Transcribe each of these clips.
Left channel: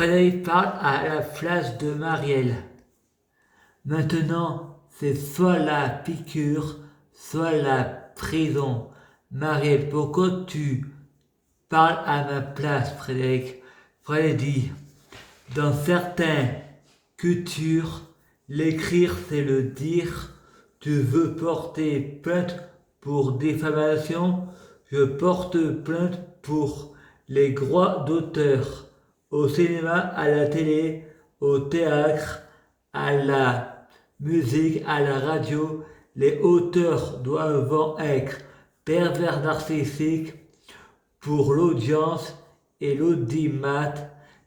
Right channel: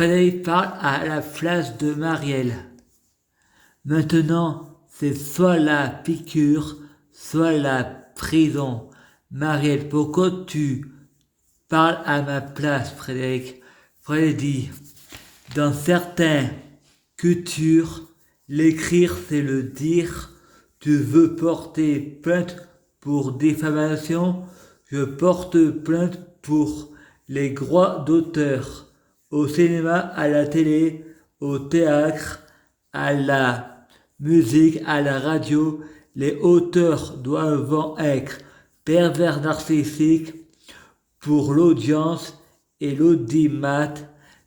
Frédéric parle à la place de Marielle. Maintenant, c'est soit la piqûre, soit la prison. Marielle, pourquoi tu parles à ma place, Frédéric? Frédéric dit, dans certaines cultures, l'écrire c'est le dire. Tu veux porter plainte pour diffamation? Je porte plainte pour les droits d'auteur. Au cinéma, à la télé, au théâtre, à la musique, à la radio, les auteurs doivent être pervers narcissiques pour l'audience et l'audimat.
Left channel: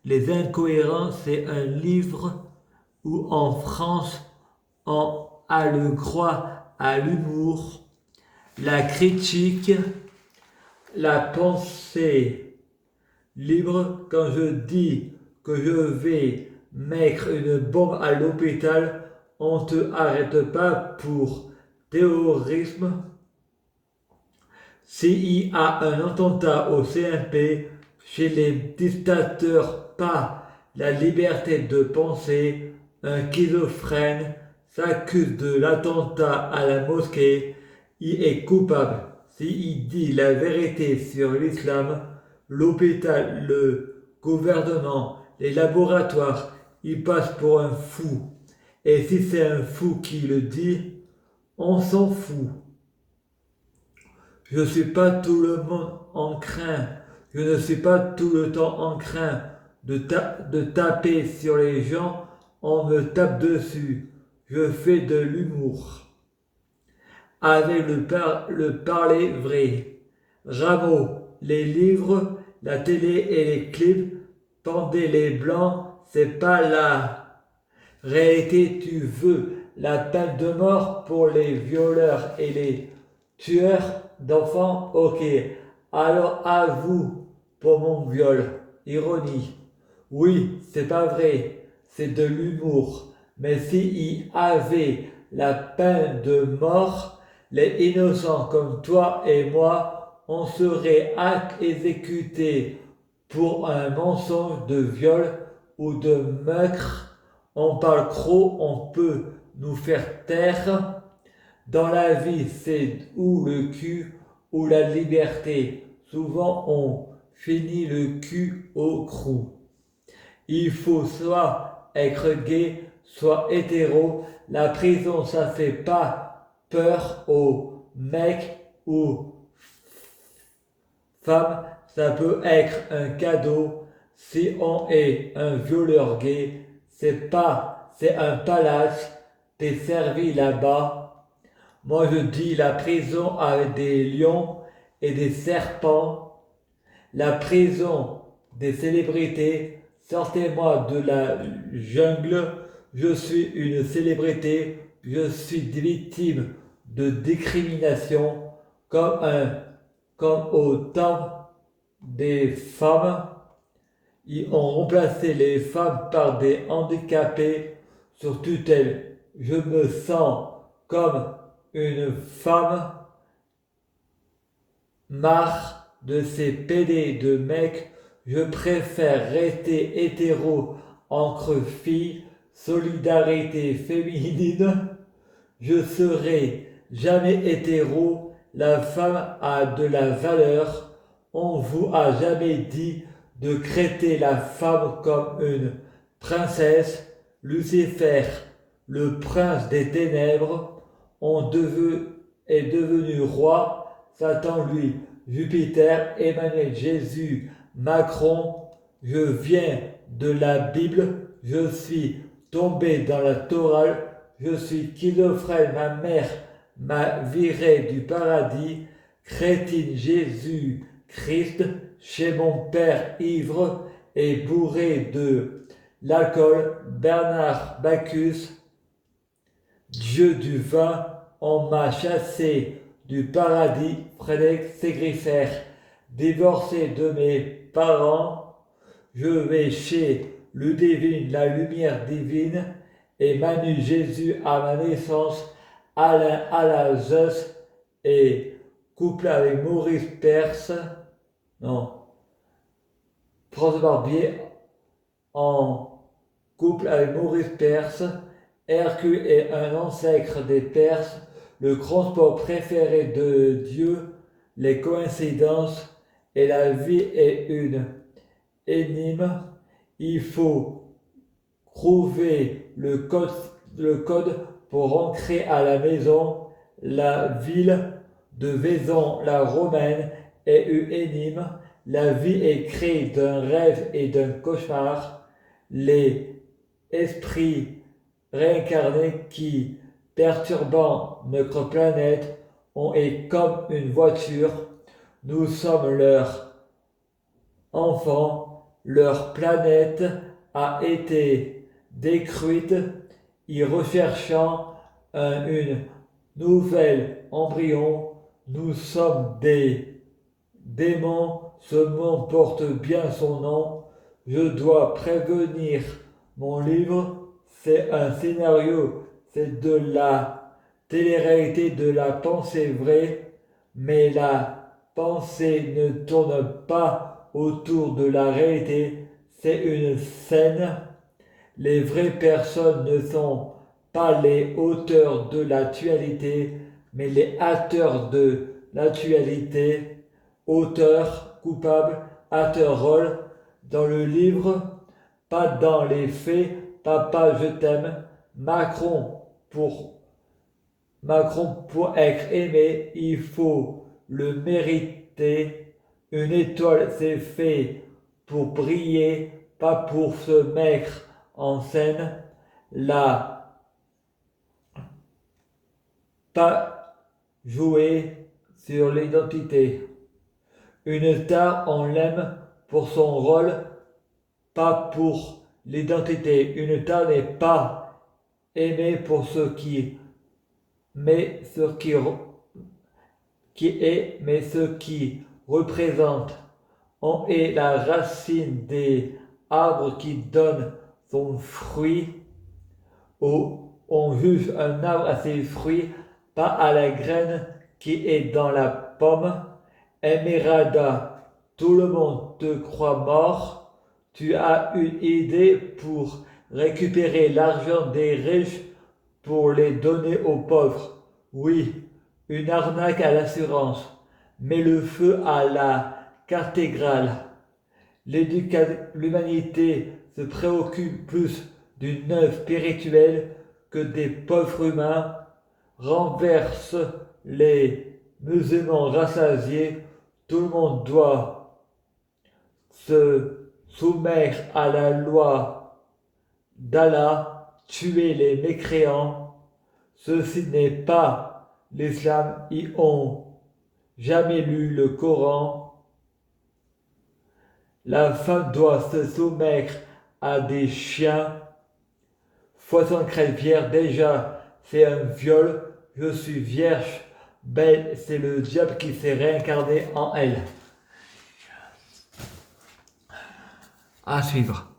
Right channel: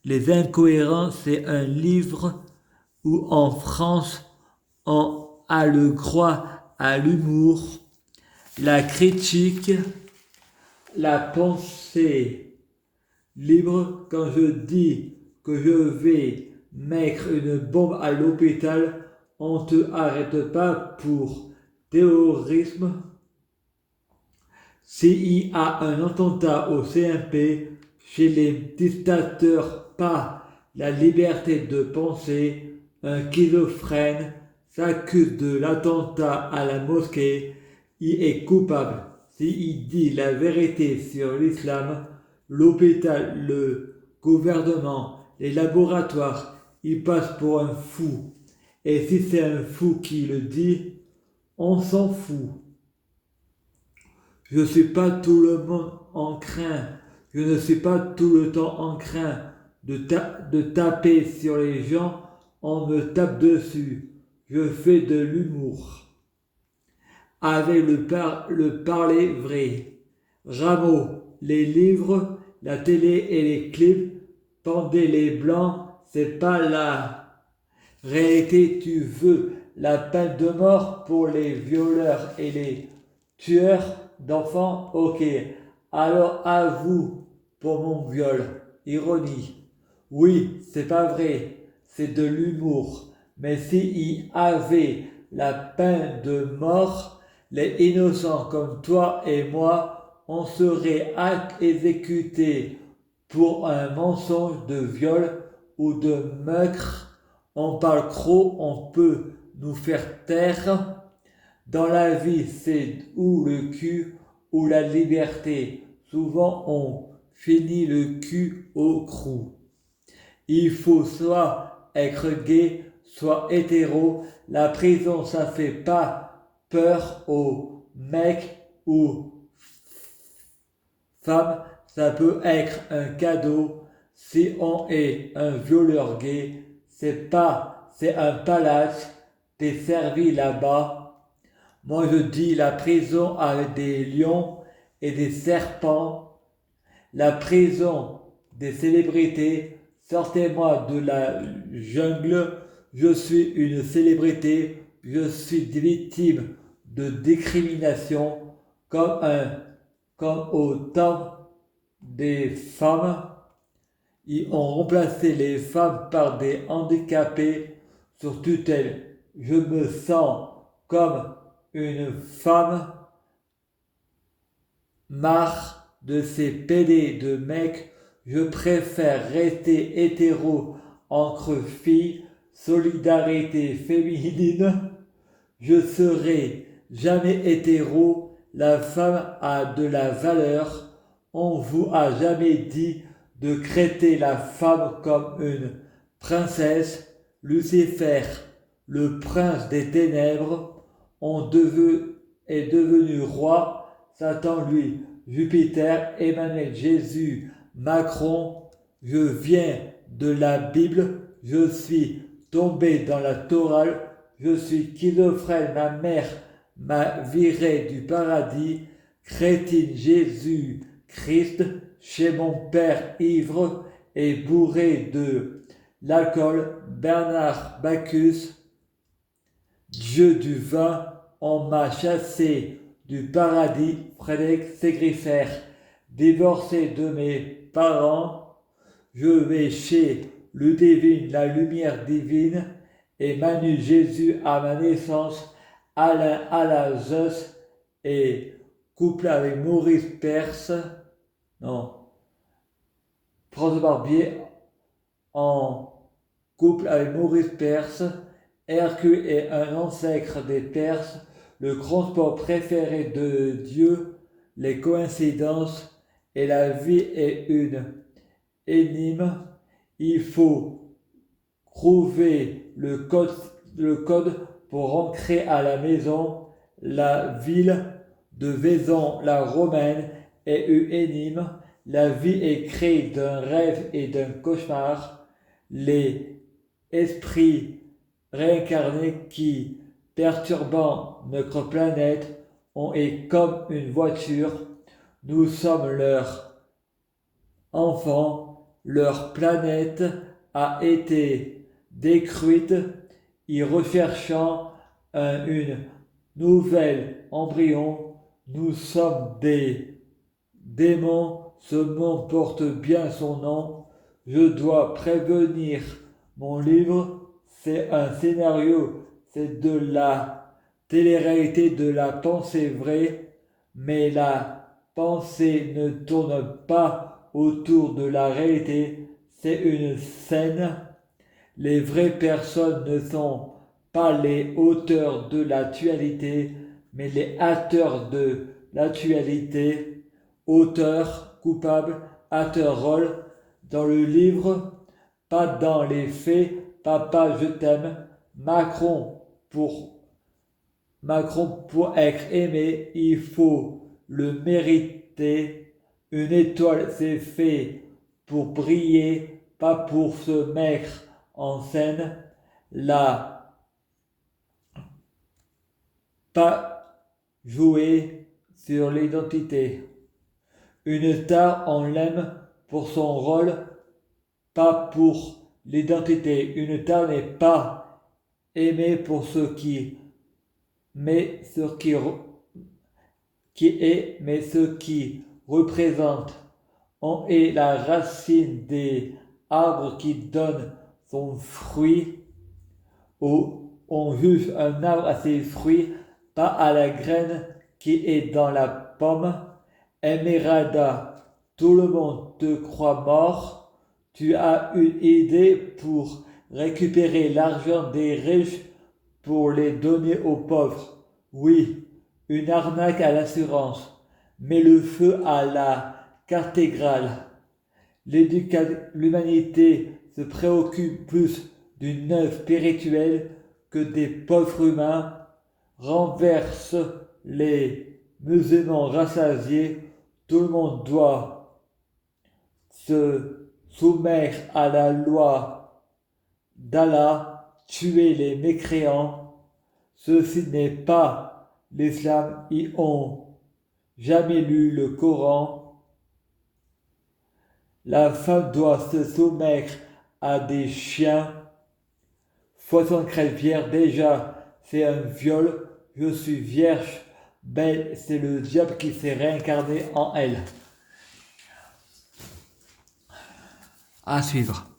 Les Incohérents, c'est un livre où en France, on a le droit à l'humour, la critique, la pensée libre. Quand je dis que je vais mettre une bombe à l'hôpital, on ne te arrête pas pour terrorisme. S'il y a un attentat au CNP, chez les dictateurs, pas la liberté de penser, un schizophrène s'accuse de l'attentat à la mosquée, il est coupable. S'il dit la vérité sur l'islam, l'hôpital, le gouvernement, les laboratoires, il passe pour un fou. Et si c'est un fou qui le dit, on s'en fout. Je ne suis pas tout le monde en train, je ne suis pas tout le temps en train de taper sur les gens, on me tape dessus. Je fais de l'humour. Avec le parler vrai. Rameau, les livres, la télé et les clips, pendez les blancs, c'est pas la réalité. Tu veux la peine de mort pour les violeurs et les tueurs d'enfants? Ok, alors à vous pour mon viol. Ironie. Oui, c'est pas vrai, c'est de l'humour. Mais s'il y avait la peine de mort, les innocents comme toi et moi, on serait exécutés pour un mensonge de viol ou de meurtre. On parle trop, on peut nous faire taire. Dans la vie, c'est ou le cul ou la liberté. Souvent, on finit le cul au crou. Il faut soit être gay, soit hétéro. La prison, ça fait pas peur aux mecs ou femmes. Ça peut être un cadeau. Si on est un violeur gay, c'est un palace. T'es servi là-bas. Moi, je dis la prison avec des lions et des serpents. La prison des célébrités. Sortez-moi de la jungle, je suis une célébrité, je suis victime de discrimination comme au temps des femmes. Ils ont remplacé les femmes par des handicapés sur tutelle. Je me sens comme une femme, marre de ces PD de mecs. Je préfère rester hétéro entre filles, solidarité féminine. Je serai jamais hétéro, la femme a de la valeur. On vous a jamais dit de traiter la femme comme une princesse. Lucifer, le prince des ténèbres, est devenu roi. Satan, lui, Jupiter, Emmanuel, Jésus, Macron. Je viens de la Bible, je suis tombé dans la Torah, je suis schizophrène, ma mère m'a viré du paradis, crétine Jésus Christ, chez mon père ivre et bourré de l'alcool, Bernard Bacchus, Dieu du vin, on m'a chassé du paradis, Frédéric Ségriffer, divorcé de mes parents, je vais chez Ludivine, la lumière divine, et Manu Jésus à ma naissance, Alain Alazos et couple avec Maurice Perse, non, François Barbier, en couple avec Maurice Perse. Hercule est un ancêtre des Perses, le grand sport préféré de Dieu, les coïncidences et la vie est une énigme. Il faut trouver le code pour rentrer à la maison. La ville de Vaison, la romaine, est une énigme. La vie est créée d'un rêve et d'un cauchemar. Les esprits réincarnés qui, perturbant notre planète, ont est comme une voiture. Nous sommes leurs enfants. Leur planète a été détruite. Y recherchant une nouvelle embryon, nous sommes des démons. Ce monde porte bien son nom. Je dois prévenir. Mon livre, c'est un scénario, c'est de la télé-réalité, de la pensée vraie, mais la pensée ne tourne pas autour de la réalité, c'est une scène. Les vraies personnes ne sont pas les auteurs de l'actualité, mais les acteurs de l'actualité. Auteur, coupable, acteur, rôle. Dans le livre, pas dans les faits. Papa, je t'aime. Pour Macron, pour être aimé, il faut le mériter. Une étoile, c'est fait pour briller, pas pour se mettre en scène. Là, pas jouer sur l'identité. Une star, on l'aime pour son rôle, pas pour l'identité. Une star n'est pas aimée pour ce qui, mais mais ce qui représente. On est la racine des arbres qui donnent son fruit. On juge un arbre à ses fruits, pas à la graine qui est dans la pomme. Emerada, tout le monde te croit mort. Tu as une idée pour récupérer l'argent des riches pour les donner aux pauvres. Oui, une arnaque à l'assurance. Mets le feu à la cathédrale. L'humanité se préoccupe plus d'une œuvre spirituelle que des pauvres humains. Renverse les musulmans rassasiés. Tout le monde doit se soumettre à la loi d'Allah, tuer les mécréants. Ceci n'est pas l'islam, ils ont jamais lu le Coran. La femme doit se soumettre à des chiens. 73 vierges, déjà, c'est un viol. Je suis vierge, belle, c'est le diable qui s'est réincarné en elle. À suivre.